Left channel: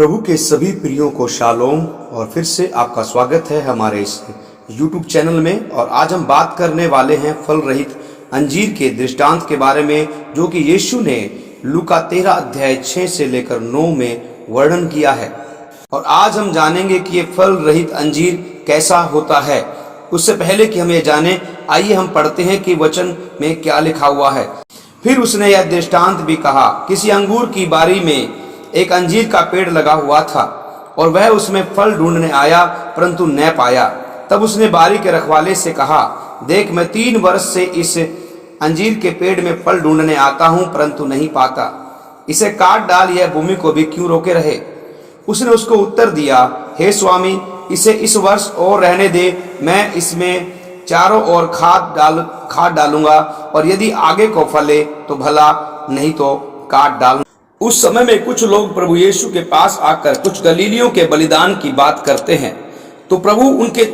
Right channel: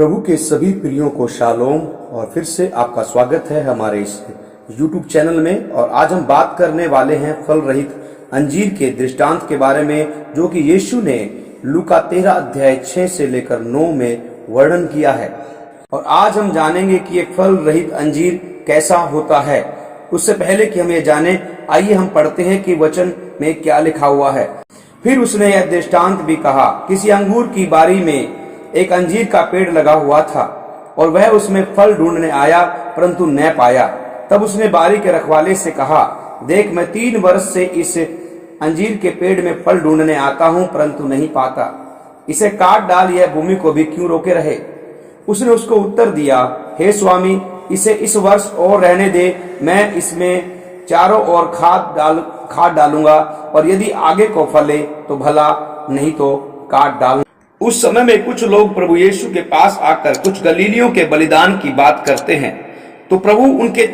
प्रभु के सभी प्रियों को शालोम और फिर से आपका स्वागत है हमारे इस YouTube चैनल में। और आज हम बात करने वाले हैं फल रहित अंजीर के दृष्टांत के बारे में, जो कि यीशु ने लूका 13 अध्याय 6 से लेकर 9 में वर्णन किया है। और आज हम जानेंगे कि ये फल रहित अंजीर कैसा होता है। उससे पहले कि हम ये जाने, आइए हम पढ़ते हैं कि वचन में क्या लिखा हुआ है। फिर उसने यह दृष्टांत भी कहा, किसी अंगूर की बारी में एक अंजीर का पेड़ लगा हुआ था और वह उसमें फल ढूंढने आया, परंतु न पाया। तब उसने बारी के रखवाले से कहा, देख, मैं 3 वर्ष से इस अंजीर के पेड़ में फल ढूंढने आता हूं, परंतु नहीं पाता। इसे काट डाल, यह भूमि को भी क्यों रोके रहे। उसने उसको उत्तर दिया, हे स्वामी, इसे इस वर्ष और रहने दे, मैं इसमें चारों ओर खाद डालूंगा, और यदि आगे को फले तो भला, नहीं तो काट डालूंगा। उस समय में कुछ लोग प्रभु यीशु के पास आकर कुछ गलीलियों के बलिदान की बात करते हैं। तो प्रभु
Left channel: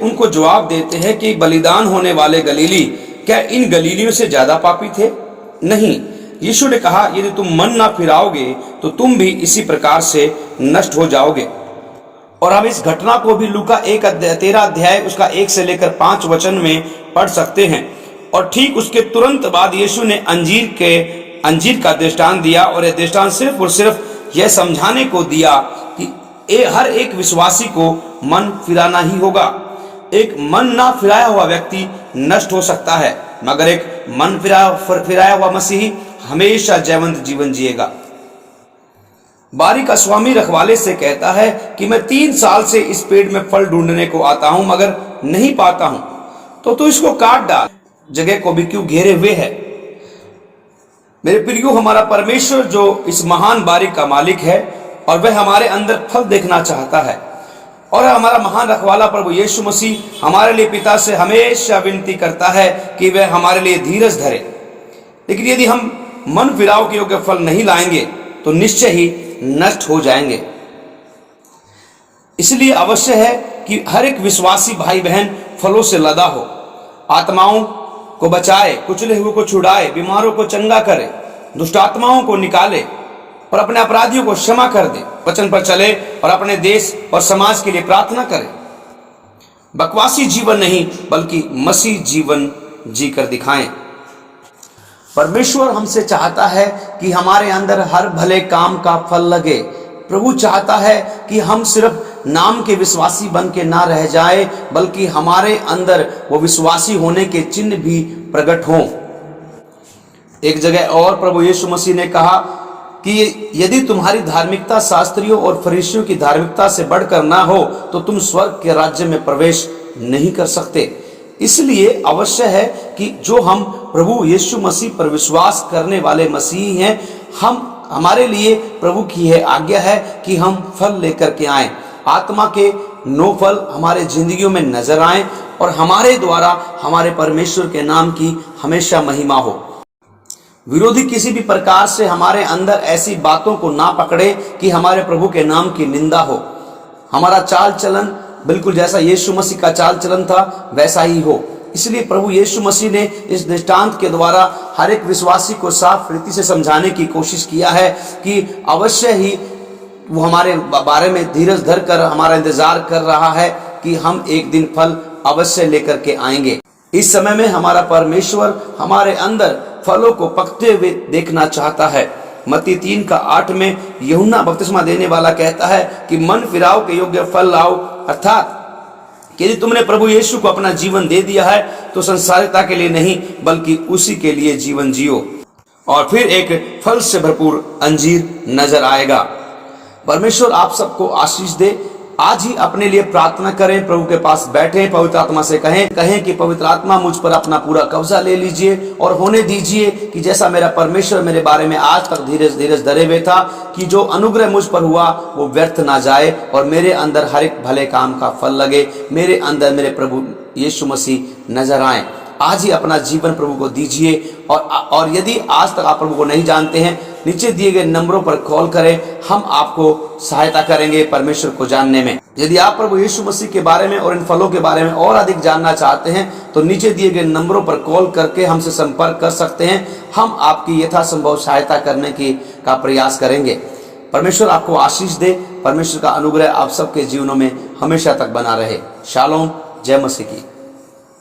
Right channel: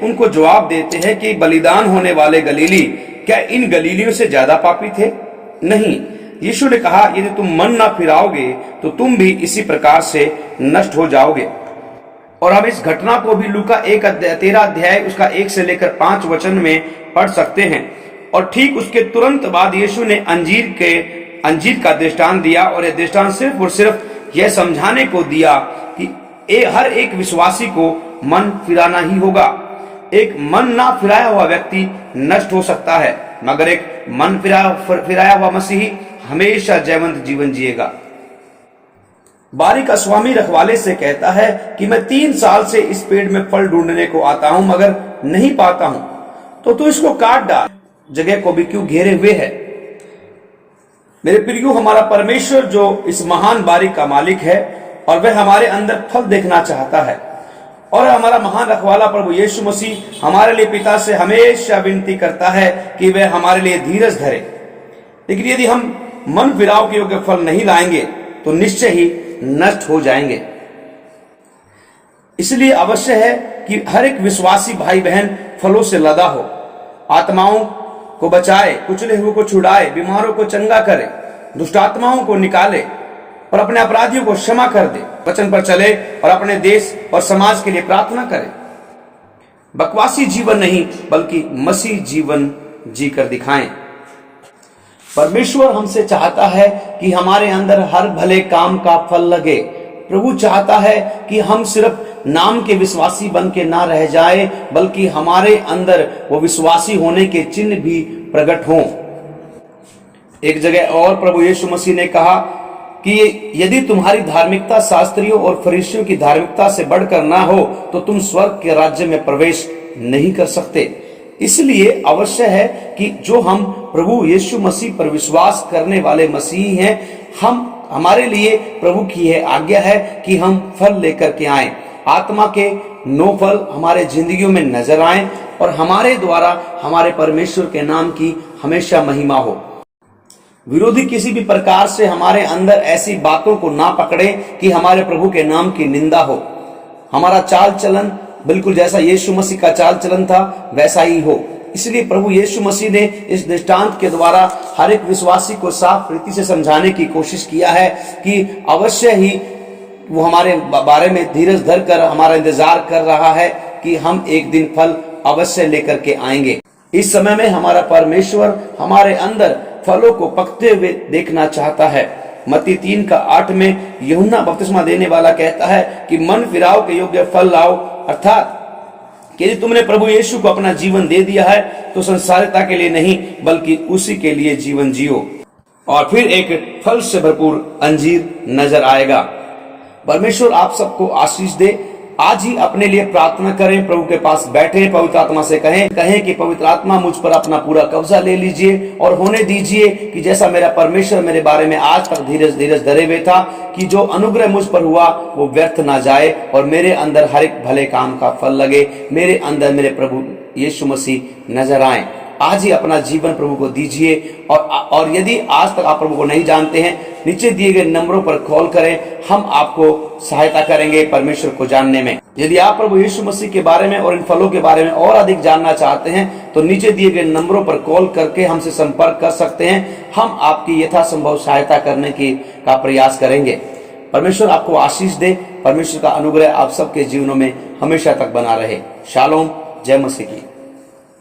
उनको जवाब देते हैं कि बलिदान होने वाले गलीली क्या इन गलीलियों से ज्यादा पापी थे? नहीं। यीशु ने कहा, यदि तुम मन ना फिराओगे तो तुम भी इसी प्रकार से नष्ट हो जाओगे। और हम इस घटना को भी लूका 13 अध्याय उसका 1 से लेकर 5 वचन में पढ़ सकते हैं। और ठीक उसके तुरंत बाद यीशु ने अंजीर का दृष्टांत दिया, और यह दृष्टांत सिर्फ और सिर्फ यह समझाने को दिया कि हर एक विश्वासी को मन फिराना ही होगा। एक मन ना फिराया हुआ व्यक्ति नष्ट हो सकता है, मगर एक मन फिराया हुआ मसीही हमेशा जयवंत जीवन जिएगा। बारी का स्वामी रखवाले से कहता है कि मैं 3 साल से इस पेड़ में फल ढूंढने को आता हूं, मगर नहीं पाता हूं, तो तू इसको काट डाल, जगह को भी क्यों घेरे हुए है। मेरे प्रियो, हमारा परमेश्वर जो इस महान बारी का मालिक है, और वह हमारे अंदर फल देखना चाहता है। और हमारा महान रखवाला प्रभु यीशु मसीह हमारे लिए पिता से हमेशा विनती करता है कि वह हमारे लिए धीरज धरे। लेकिन यदि हम मन फिराव के योग्य फल नहीं लाएंगे तो निश्चय ही नष्ट हो जाएंगे। इसलिए अवश्य है कि हर एक विश्वासी भाई बहन फलों से लदा हो, आत्माओं को बचाए, कुचले हुए को छुड़ाए, बीमारों को चंगा करे, दुष्ट आत्माओं को निकाले और अपने अपराधियों को क्षमा कर दे, वचन पर चले और अपने देश और समाज के लिए प्रार्थना करे। बकवासी जीवन नहीं, बल्कि मसीह जीवन जीकर दिखाएं। परमेश्वर हमसे चाहता है कि हमारे अंदर हर भले काम का फल लगे। प्रभु चाहता है कि हम सिर्फ नाम के विश्वासी बन के ना रह जाए, बल्कि हमारे अंदर वो विश्वासी होने के चिन्ह भी प्रकट हों। एक जगह और प्रभु यीशु मसीह ने कहा कि यदि तुम्हारी धार्मिकता शास्त्रियों और फरीसियों की धार्मिकता से बढ़कर ना हो तो तुम स्वर्ग के राज्य में प्रवेश नहीं कर सकते। इसलिए अवश्य है कि जो हम प्रभु यीशु मसीह पर विश्वास करने वाले मसीही हैं, हमारे लिए प्रभु की यह आज्ञा है कि हम फल लेकर के आएं। आत्मा के 9 फल हमारे जिंदगियों में नजर आएं और हमारे द्वारा हमारे परमेश्वर के नाम की हमेशा महिमा हो। विरोधी किसी भी प्रकार से हमारे अंदर ऐसी बातों को ना पकड़े कि हमारे प्रभु के नाम की निंदा हो। हमारा चाल चलन बिल्कुल जैसा यीशु मसीह का चाल चलन था वैसा ही हो। इसलिए प्रभु यीशु मसीह ने इस दृष्टांत के द्वारा हर एक विश्वासी को साफ रीति से समझाने की कोशिश किया है कि अवश्य ही वो हमारे बारे में धीरज धर कर हमारा इंतजार कर रहा है कि हम एक दिन फल अवश्य लेकर के आएंगे। इस समय में हमारा परमेश्वर हमारे अंदर फलों को पकते हुए देखना चाहता है। मत्ती 3:8 में यूहन्ना बपतिस्मा देने वाला कहता है कि मन फिराव के योग्य फल लाओ, अर्थात कि यदि तुमने प्रभु यीशु को अपना जीवन दे दिया है तो संसारिकता के लिए नहीं, बल्कि उसी के लिए जीवन जियो, और फिर एक फल से भरपूर अंजीर नजर आएगा। परमेश्वर आप सबको आशीष दे। आज ही अपने लिए प्रार्थना करें, प्रभु के पास बैठें, पवित्र आत्मा से कहें कि पवित्र आत्मा मुझ पर अपना पूरा कब्जा ले लीजिए और होने दीजिए कि जैसा मेरा परमेश्वर मेरे बारे में आज तक धीरज धरे हुए था, कि जो अनुग्रह मुझ पर हुआ वो व्यर्थ ना जाए और मेरे अंदर हर एक भले काम का फल लगे, मेरे अंदर मेरे प्रभु यीशु मसीह नजर आए। आज ही अपना जीवन प्रभु को दीजिए। और यदि आज तक आप प्रभु को नहीं जानते हैं, नीचे दिए गए नंबरों पर कॉल करें, हम आपको सहायता करेंगे परमेश्वर को जानने में। यदि आप प्रभु यीशु मसीह के बारे में और इन फलों के बारे में और अधिक जानना चाहते हैं तो नीचे दिए गए नंबरों पर कॉल करके हमसे संपर्क कर सकते हैं। हम आपकी यथासंभव सहायता करने का प्रयास करेंगे। परमेश्वर आपको आशीष दे। परमेश्वर का अनुग्रह आप सबके जीवनों में हमेशा तक बना रहे। शालोम, जय मसीह की।